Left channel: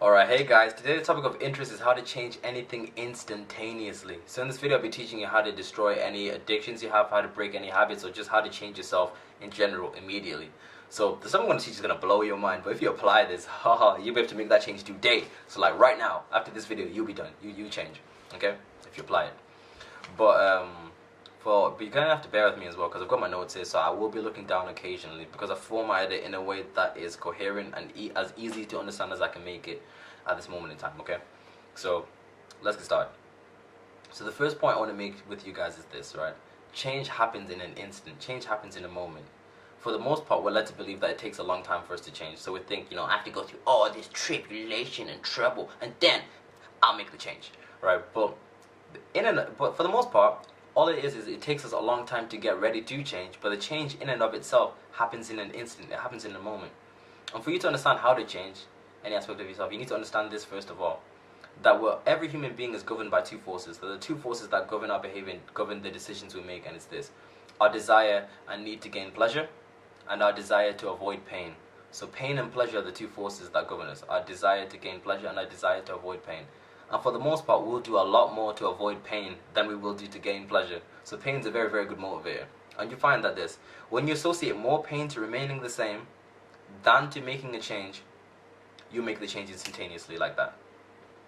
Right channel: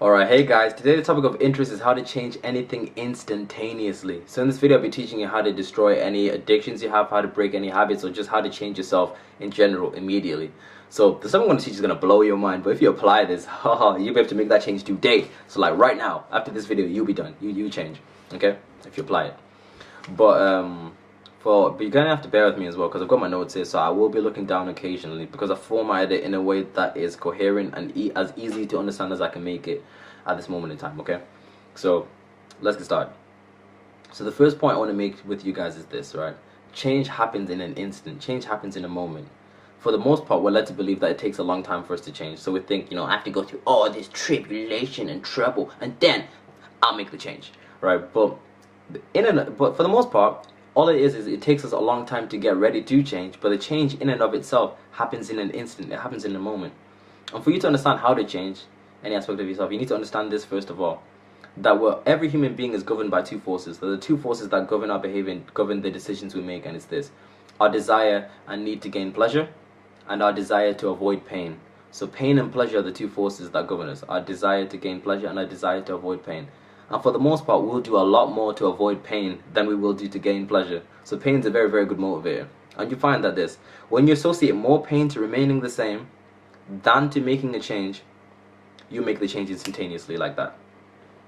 Alright, hey guys, today the topic of interest is how to change anything instantaneously. So in this video I'll be teaching you how to destroy any addictions you have, how to break any habits, or just how to change yourself in general immediately. So the stuff I'm going to teach is going to blow your mind, but if you apply this, haha, you'll be able to make that change today. So like right now, after this video, you'll be done. You change, okay? If you apply it. But you're gonna have to bear with me as well because I've got my notes here, so I will be looking down occasionally because I formatted it in a way that is coherent and as easy to understand as I can make it at this moment in time. Okay, so let's get started. So the first point I want to make with you guys is this, right? Change happens in an instant. Change happens in a moment. For the most part, we're led to believe that it takes a long time for us to change. So we think, I have to go through all this tribulation and trouble, and then I'll make the change, right? But for the most part, all it is it takes us a long time to get ready to change, but the change in and of itself happens in an instant. It happens in a moment. And for you to understand how to change any aspect of yourself, you need to understand this first of all, that every human being is governed by two forces. There are the two forces that govern our behavior and govern the decisions we make, and it's this: our desire and need to gain pleasure, and our desire to avoid pain. So pain and pleasure are the two forces that govern us: our desire to gain pleasure and our desire to avoid pain. And for the most part, we'll do a lot more to avoid pain than we will do to gain pleasure. So pain is a very, very good motivator. And you find that when you associate more pain to remaining the same than to making a change, you make the change instantaneously like that.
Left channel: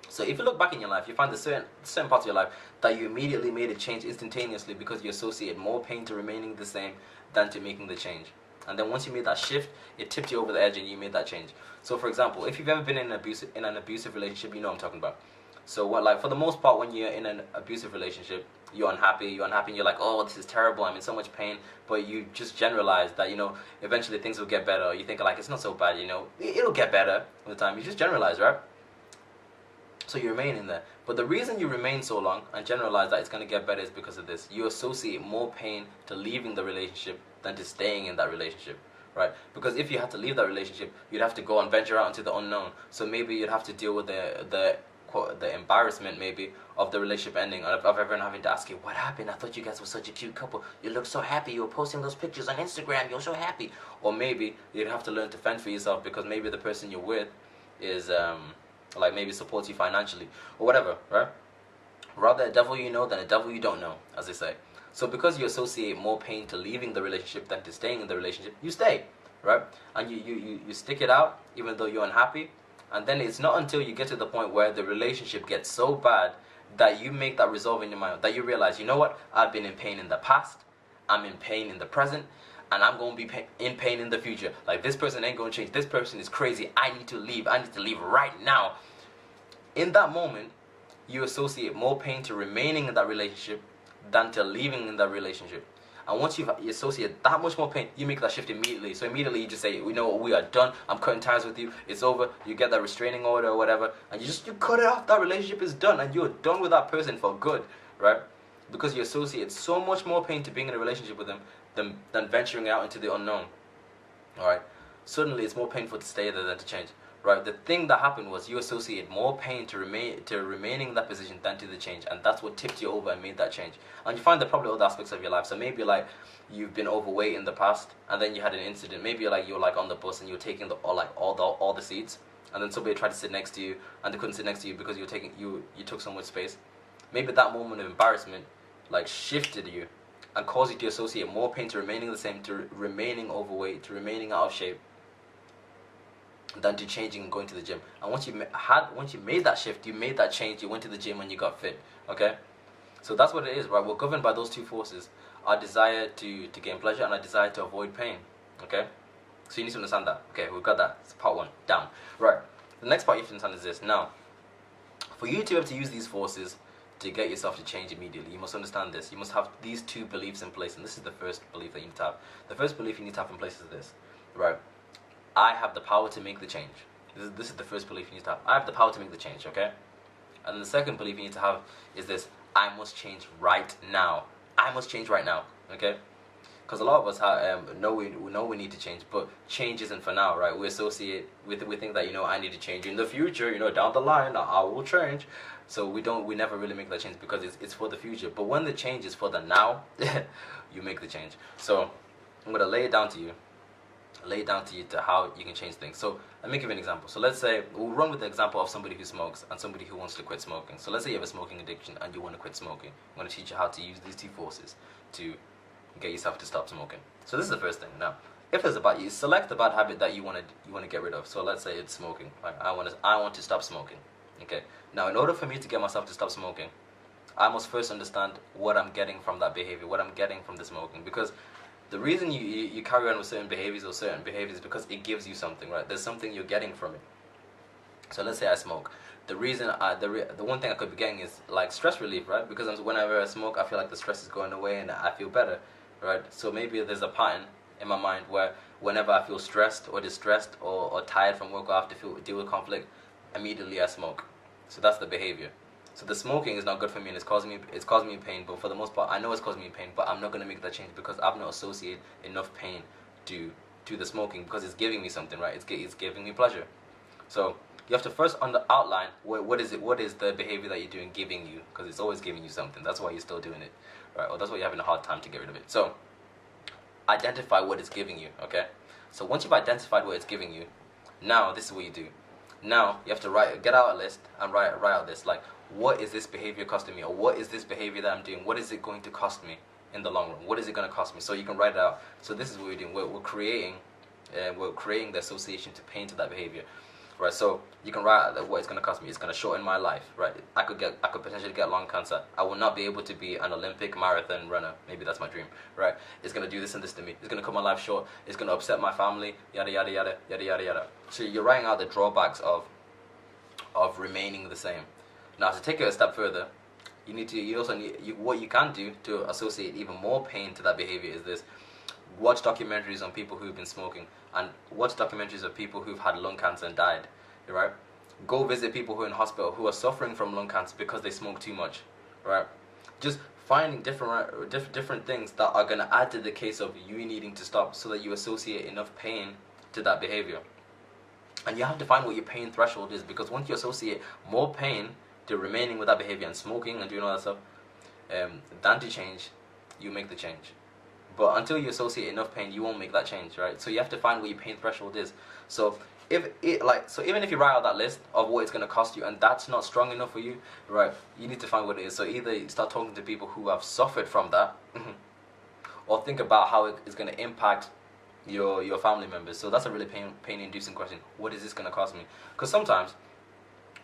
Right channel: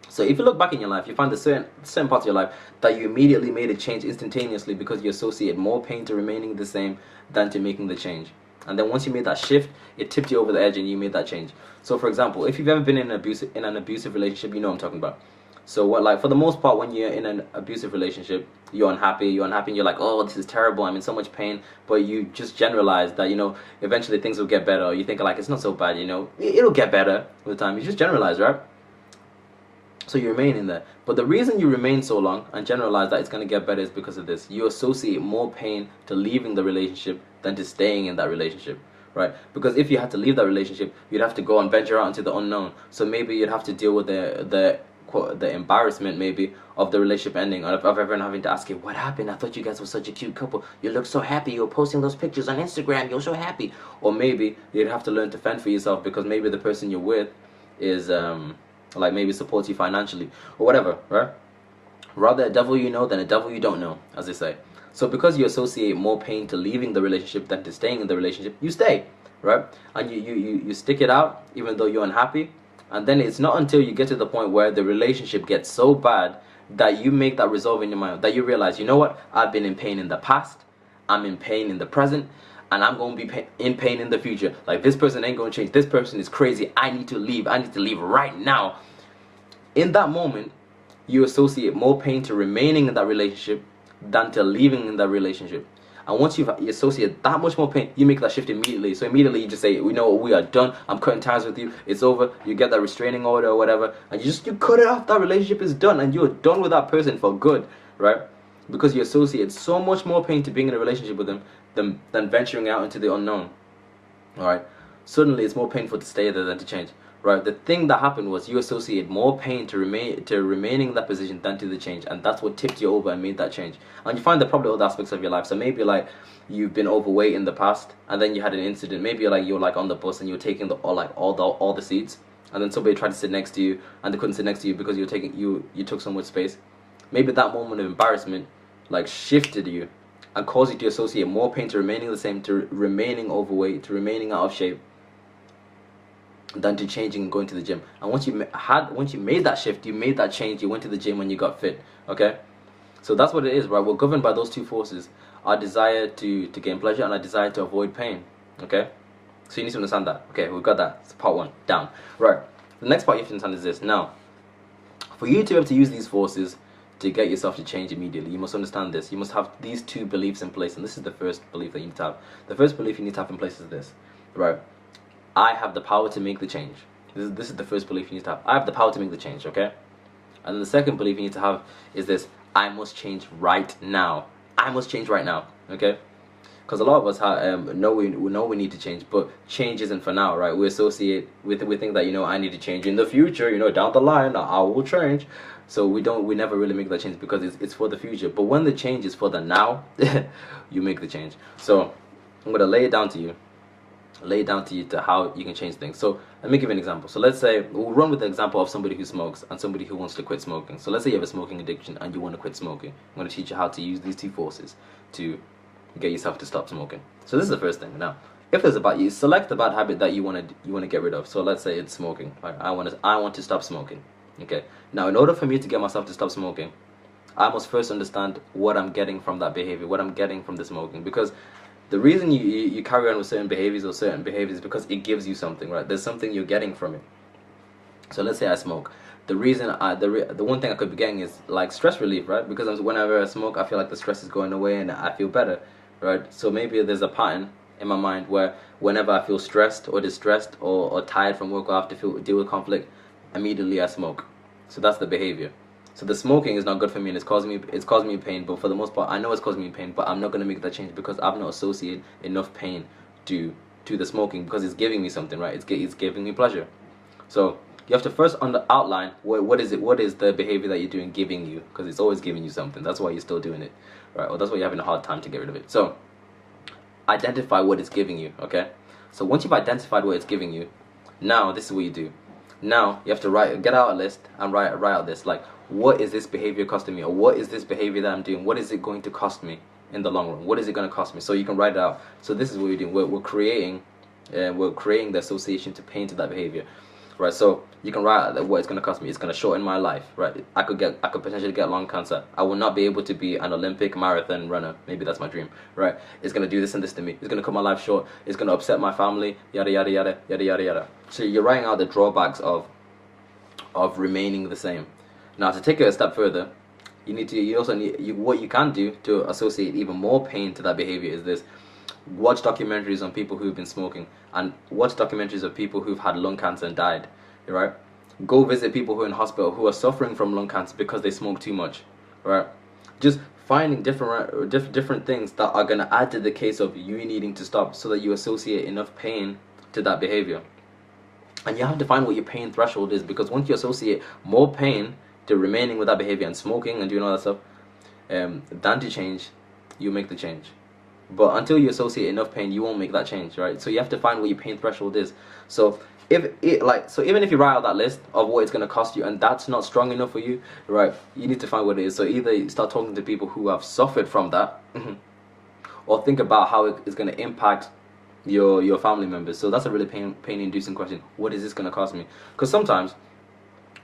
So if you look back in your life, you find that certain parts of your life that you immediately made a change instantaneously because you associate more pain to remaining the same than to making the change. And then once you made that shift, it tipped you over the edge and you made that change. So for example, if you've ever been in an abusive relationship, you know what I'm talking about. So for the most part, when you're in an abusive relationship, you're unhappy, and you're like, oh, this is terrible, I'm in so much pain, but you just generalize that, eventually things will get better, or you think like, it's not so bad, it'll get better with time. You just generalize, right? So you remain in there. But the reason you remain so long and generalize that it's going to get better is because of this. You associate more pain to leaving the relationship than to staying in that relationship, right? Because if you had to leave that relationship, you'd have to go and venture out into the unknown. So maybe you'd have to deal with the embarrassment maybe of the relationship ending, of everyone having to ask you, what happened? I thought you guys were such a cute couple. You look so happy. You were posting those pictures on Instagram. You're so happy. Or maybe you'd have to learn to fend for yourself because maybe the person you're with is like maybe supports you financially or whatever, right? Rather a devil you know than a devil you don't know, as they say. So because you associate more pain to leaving the relationship than to staying in the relationship, you stay, right? And you stick it out even though you're unhappy. And then it's not until you get to the point where the relationship gets so bad that you make that resolve in your mind, that you realize, you know what, I've been in pain in the past, I'm in pain in the present, and I'm going to be in pain in the future. Like, this person ain't going to change. This person is crazy. I need to leave. I need to leave right now. In that moment, you associate more pain to remaining in that relationship than to leaving in that relationship. And once you associate that much more pain, you make that shift immediately. So immediately you just say, we know we are done. I'm cutting ties with you. It's over. You get that restraining order or whatever, and you cut it off. That relationship is done, and you're done with that person for good, right? Because you associate so much more pain to being in a relationship with them than venturing out into the unknown. All right. Suddenly, it's more painful to stay there than to change. Right, the thing that happened was you associate more pain to remaining in that position than to the change, and that's what tipped you over and made that change. And you find that probably other aspects of your life. So maybe like you've been overweight in the past, and then you had an incident. Maybe you're like on the bus and you're taking all the seats, and then somebody tried to sit next to you, and they couldn't sit next to you because you took so much space. Maybe that moment of embarrassment like shifted you and caused you to associate more pain to remaining the same, to remaining overweight, to remaining out of shape, than to changing and going to the gym. And once you made that shift, you made that change, you went to the gym and you got fit. Okay, so that's what it is, right? We're governed by those two forces: our desire to gain pleasure and our desire to avoid pain. Okay, so you need to understand that. Okay, we've got that. It's part one down. Right, the next part you have to understand is this. Now, for you to be able to use these forces to get yourself to change immediately, you must understand this. You must have these two beliefs in place, and this is the first belief that you need to have. The first belief you need to have in place is this, right? I have the power to make the change. This is the first belief you need to have. I have the power to make the change, okay? And then the second belief you need to have is this: I must change right now. I must change right now, okay? Because a lot of us know we need to change, but change isn't for now, right? We think that, I need to change in the future, down the line, I will change. So we never really make that change because it's for the future. But when the change is for the now, you make the change. So I'm going to lay it down to you. lay it down to you to how you can change things. So let me give you an example. So let's say we'll run with the example of somebody who smokes and somebody who wants to quit smoking. So let's say you have a smoking addiction and you want to quit smoking. I'm going to teach you how to use these two forces to get yourself to stop smoking. So this is the first thing. Now, if it's about you, select the bad habit that you want to get rid of. So let's say it's smoking. Like I want to stop smoking. Okay. Now, in order for me to get myself to stop smoking, I must first understand what I'm getting from that behavior, what I'm getting from the smoking. Because the reason you carry on with certain behaviors is because it gives you something, right? There's something you're getting from it. So let's say I smoke. The reason the one thing I could be getting is like stress relief, right? Because whenever I smoke, I feel like the stress is going away and I feel better, right? So maybe there's a pattern in my mind where whenever I feel stressed or distressed or tired from work or I have to deal with conflict, immediately I smoke. So that's the behavior. So the smoking is not good for me and it's causing me pain, but for the most part I know it's causing me pain, but I'm not going to make that change because I've not associated enough pain to the smoking, because it's giving me something, right? It's giving me pleasure. So you have to first outline what is the behavior that you're doing giving you, because it's always giving you something. That's why you're still doing it, right? Or that's why you're having a hard time to get rid of it. So identify what it's giving you, okay? So once you've identified what it's giving you, now this is what you do. Now you have to get out a list and write out this, like, what is this behavior costing me, or what is this behavior that I'm doing, what is it going to cost me in the long run, what is it going to cost me? So you can write it out. So this is what we're doing. We're creating the association to pain to that behavior, right? So you can write out what it's going to cost me. It's going to shorten my life, right? I could potentially get lung cancer. I will not be able to be an Olympic marathon runner. Maybe that's my dream, right? It's going to do this and this to me. It's going to cut my life short. It's going to upset my family. Yada yada yada yada yada yada. So you're writing out the drawbacks of remaining the same. Now, to take it a step further, what you can do to associate even more pain to that behavior is this: watch documentaries on people who've been smoking, and watch documentaries of people who've had lung cancer and died, right? Go visit people who are in hospital who are suffering from lung cancer because they smoke too much, right? Just finding different things that are going to add to the case of you needing to stop, so that you associate enough pain to that behavior. And you have to find what your pain threshold is, because once you associate more pain to remaining with that behavior and smoking and doing all that stuff, than to change, you make the change. But until you associate enough pain, you won't make that change, right? So you have to find what your pain threshold is. So even if you write out that list of what it's going to cost you and that's not strong enough for you, right, you need to find what it is. So either you start talking to people who have suffered from that, or think about how it is going to impact your family members. So that's a really pain-inducing question. What is this going to cost me? Because sometimes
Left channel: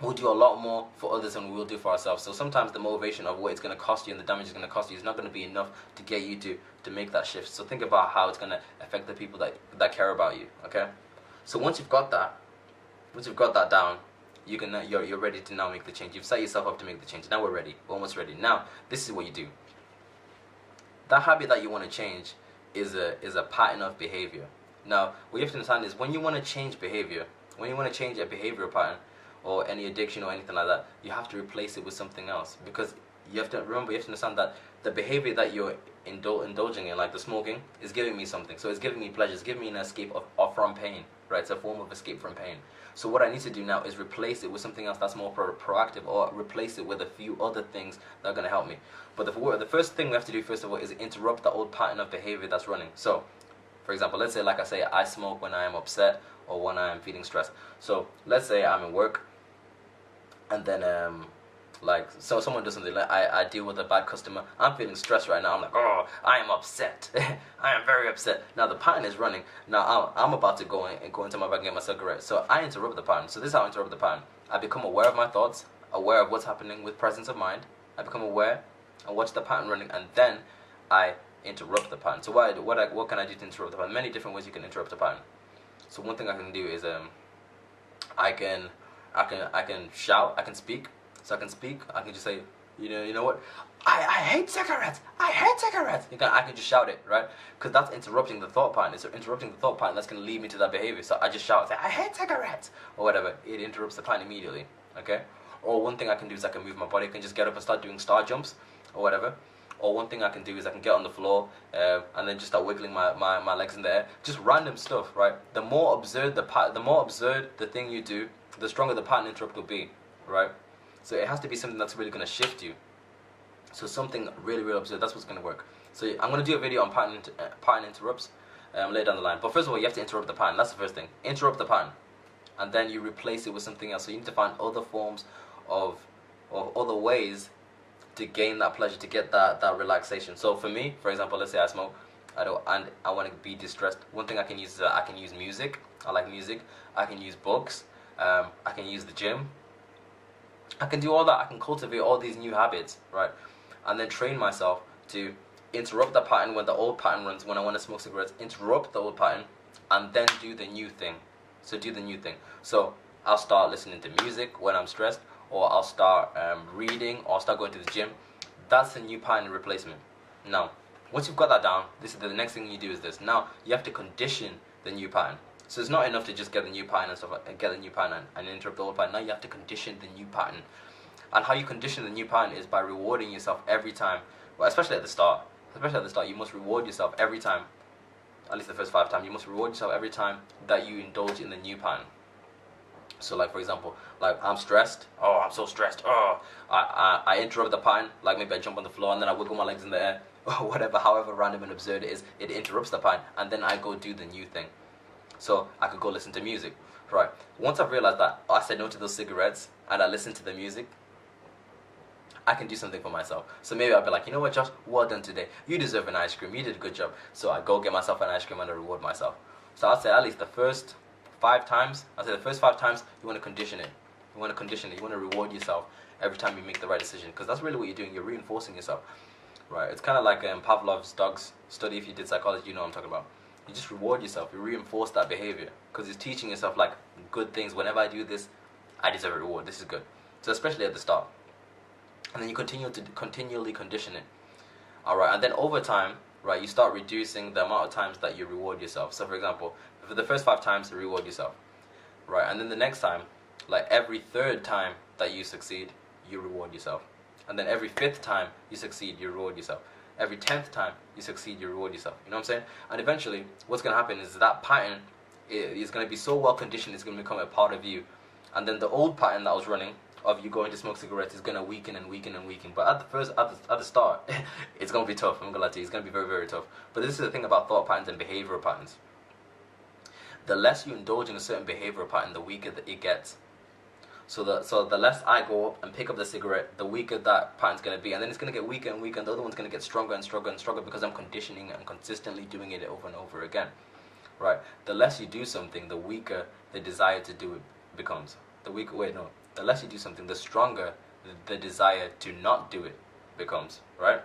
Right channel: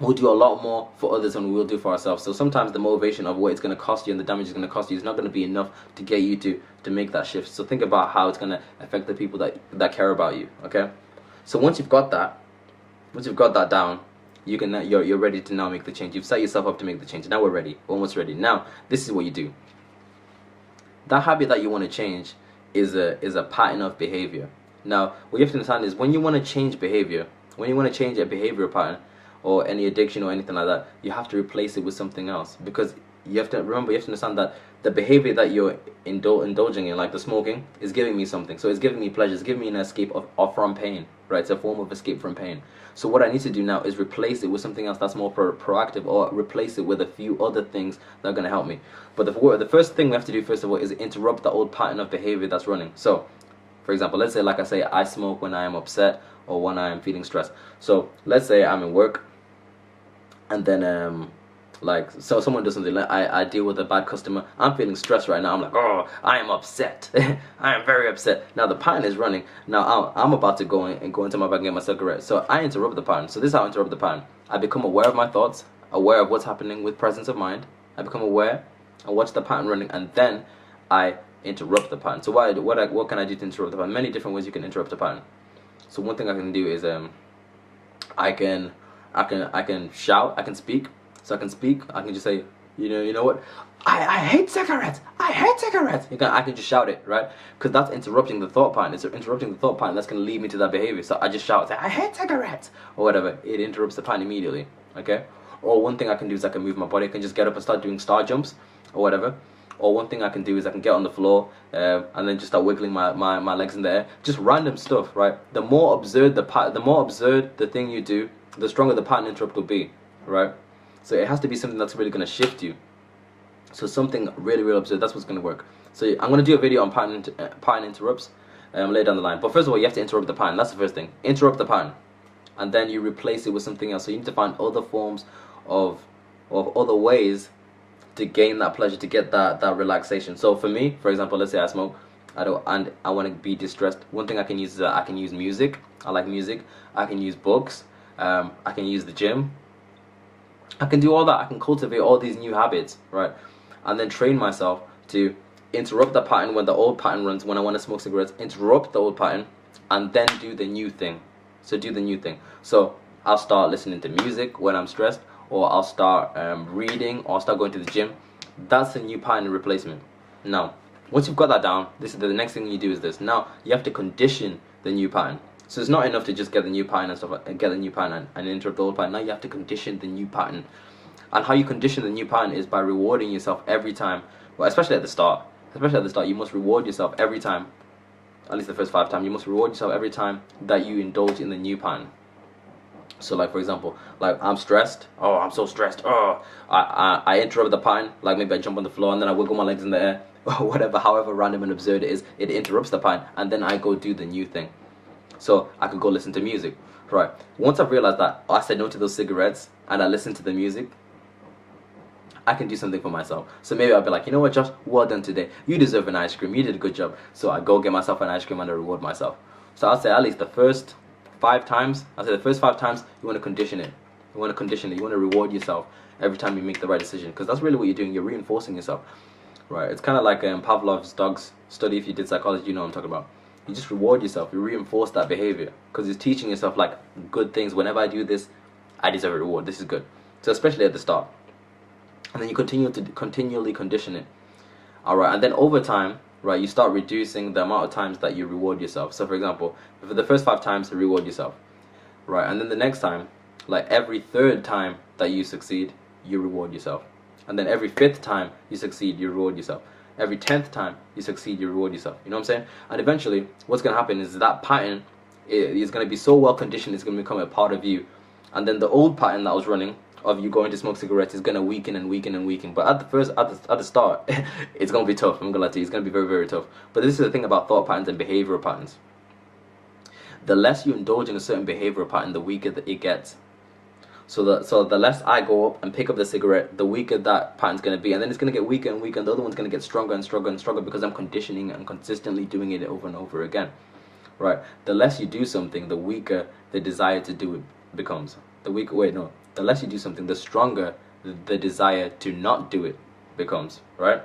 we'll do a lot more for others than we will do for ourselves. So sometimes the motivation of what it's going to cost you and the damage it's going to cost you is not going to be enough to get you to make that shift. So think about how it's going to affect the people that care about you, okay? So once you've got that down, you're ready to now make the change. You've set yourself up to make the change. Now we're ready. We're almost ready. Now, this is what you do. That habit that you want to change is a pattern of behavior. Now, what you have to understand is when you want to change behavior, when you want to change a behavioral pattern or any addiction or anything like that, you have to replace it with something else. Because you have to understand that the behavior that you're indulging in, like the smoking, is giving me something. So it's giving me pleasure. It's giving me an escape from pain, right? It's a form of escape from pain. So what I need to do now is replace it with something else that's more proactive, or replace it with a few other things that are going to help me. But the first thing we have to do, first of all, is interrupt the old pattern of behavior that's running. So, for example, let's say, like I say, I smoke when I am upset or when I am feeling stressed. So let's say I'm in work, and then so someone does something, like I deal with a bad customer. I'm feeling stressed right now. I'm like, oh, I am upset. I am very upset. Now the pattern is running. Now I'm about to go into my bag and get my cigarette. So I interrupt the pattern. So this is how I interrupt the pattern. I become aware of my thoughts, aware of what's happening with presence of mind. I become aware. I watch the pattern running, and then I interrupt the pattern. So what can I do to interrupt the pattern? Many different ways you can interrupt the pattern. So one thing I can do is I can shout. I can speak. So I can speak. I can just say, you know what? I hate cigarettes. I hate cigarettes. I can just shout it, right? Because that's interrupting the thought pattern. It's interrupting the thought pattern that's going to lead me to that behavior. So I just shout, say, I hate cigarettes, or whatever. It interrupts the pattern immediately, okay? Or one thing I can do is I can move my body. I can just get up and start doing star jumps, or whatever. Or one thing I can do is I can get on the floor and then just start wiggling my legs in the air. Just random stuff, right? The more absurd the thing you do, the stronger the pattern interrupt will be, right? So it has to be something that's really going to shift you. So something really, really absurd. That's what's going to work. So I'm going to do a video on pattern interrupts. later down the line. But first of all, you have to interrupt the pattern. That's the first thing. Interrupt the pattern, and then you replace it with something else. So you need to find other forms of other ways to gain that pleasure, to get that relaxation. So for me, for example, let's say I smoke, and I want to be distressed. One thing I can use is I can use music. I like music. I can use books. I can use the gym. I can do all that. I can cultivate all these new habits, right? And then train myself to interrupt the pattern when the old pattern runs. When I want to smoke cigarettes, interrupt the old pattern, and then do the new thing. So do the new thing. So I'll start listening to music when I'm stressed, or I'll start reading, or I'll start going to the gym. That's a new pattern replacement. Now, once you've got that down, this is the next thing you do is this. Now you have to condition the new pattern. So it's not enough to just get the new pattern and stuff, get the new pattern and interrupt the old pattern. Now you have to condition the new pattern. And how you condition the new pattern is by rewarding yourself every time. Well, especially at the start. Especially at the start, you must reward yourself every time. At least the first 5 times, you must reward yourself every time that you indulge in the new pattern. So, like for example, like I'm stressed. Oh, I'm so stressed. Oh, I interrupt the pattern. Like maybe I jump on the floor and then I wiggle my legs in the air, or whatever. However random and absurd it is, it interrupts the pattern, and then I go do the new thing. So I could go listen to music, right? Once I've realized that I said no to those cigarettes and I listen to the music, I can do something for myself. So maybe I'll be like, you know what, Josh, well done today. You deserve an ice cream. You did a good job. So I go get myself an ice cream and I reward myself. So I'll say at least the first 5 times. I'll say the first 5 times you want to condition it. You want to condition it. You want to reward yourself every time you make the right decision, because that's really what you're doing. You're reinforcing yourself, right? It's kind of like Pavlov's dog's study. If you did psychology, you know what I'm talking about. You just reward yourself. You reinforce that behavior because it's teaching yourself like good things. Whenever I do this, I deserve a reward. This is good. So especially at the start, and then you continually condition it. All right, and then over time, right, you start reducing the amount of times that you reward yourself. So for example, for the first 5 times, reward yourself, right, and then the next time, like every 3rd time that you succeed, you reward yourself, and then every 5th time you succeed, you reward yourself. Every 10th time you succeed, you reward yourself. You know what I'm saying? And eventually, what's going to happen is that pattern is going to be so well conditioned, it's going to become a part of you. And then the old pattern that was running of you going to smoke cigarettes is going to weaken and weaken and weaken. But at the start, it's going to be tough. I'm going to lie to you, it's going to be very, very tough. But this is the thing about thought patterns and behavioral patterns. The less you indulge in a certain behavioral pattern, the weaker it gets. So the less I go up and pick up the cigarette, the weaker that pattern's going to be. And then it's going to get weaker and weaker, and the other one's going to get stronger and stronger and stronger because I'm conditioning and consistently doing it over and over again. Right? The less you do something, the weaker the desire to do it becomes. The less you do something, the stronger the desire to not do it becomes. Right?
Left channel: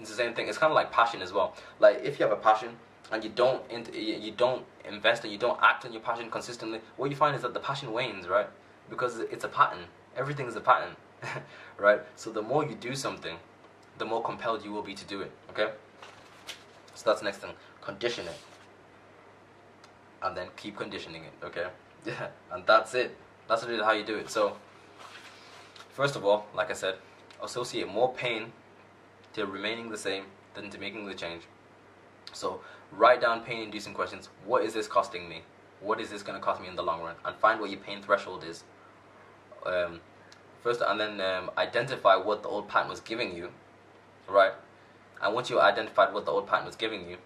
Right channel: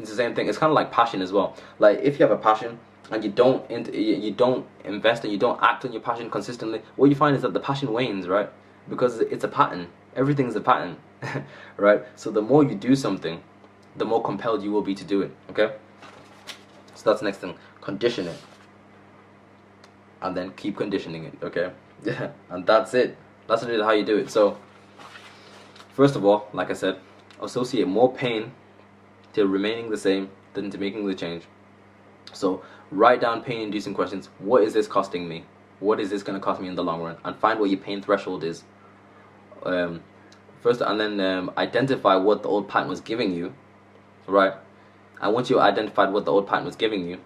It's the same thing. It's kind of like passion as well. Like if you have a passion and you don't invest and you don't act on your passion consistently, what you find is that the passion wanes, right? Because it's a pattern. Everything is a pattern, right? So the more you do something, the more compelled you will be to do it, okay? So that's the next thing. Condition it. And then keep conditioning it, okay? Yeah, and that's it. That's really how you do it. So, first of all, like I said, associate more pain to remaining the same than to making the change. So, write down pain-inducing questions. What is this costing me? What is this going to cost me in the long run? And find what your pain threshold is. First, and then identify what the old pattern was giving you, right? And once you identified what the old pattern was giving you,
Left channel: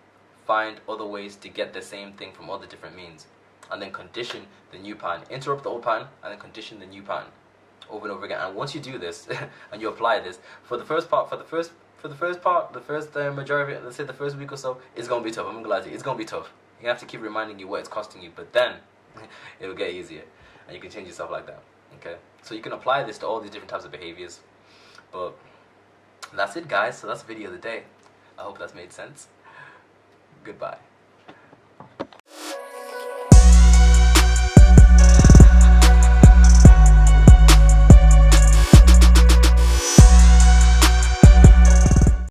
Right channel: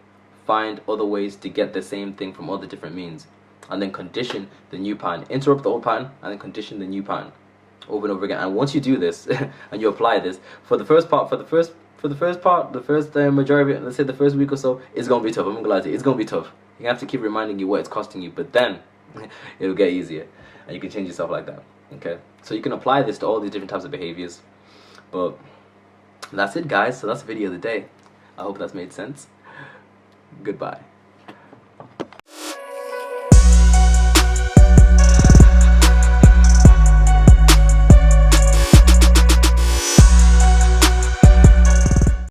find other ways to get the same thing from other different means, and then condition the new pattern. Interrupt the old pattern, and then condition the new pattern over and over again. And once you do this and you apply this for the first majority of it, let's say the first week or so, it's gonna be tough. I'm gonna lie to you, it's gonna be tough. You have to keep reminding you what it's costing you, but then it'll get easier, and you can change yourself like that. Okay, so you can apply this to all these different types of behaviors. But that's it, guys. So that's the video of the day. I hope that's made sense. Goodbye.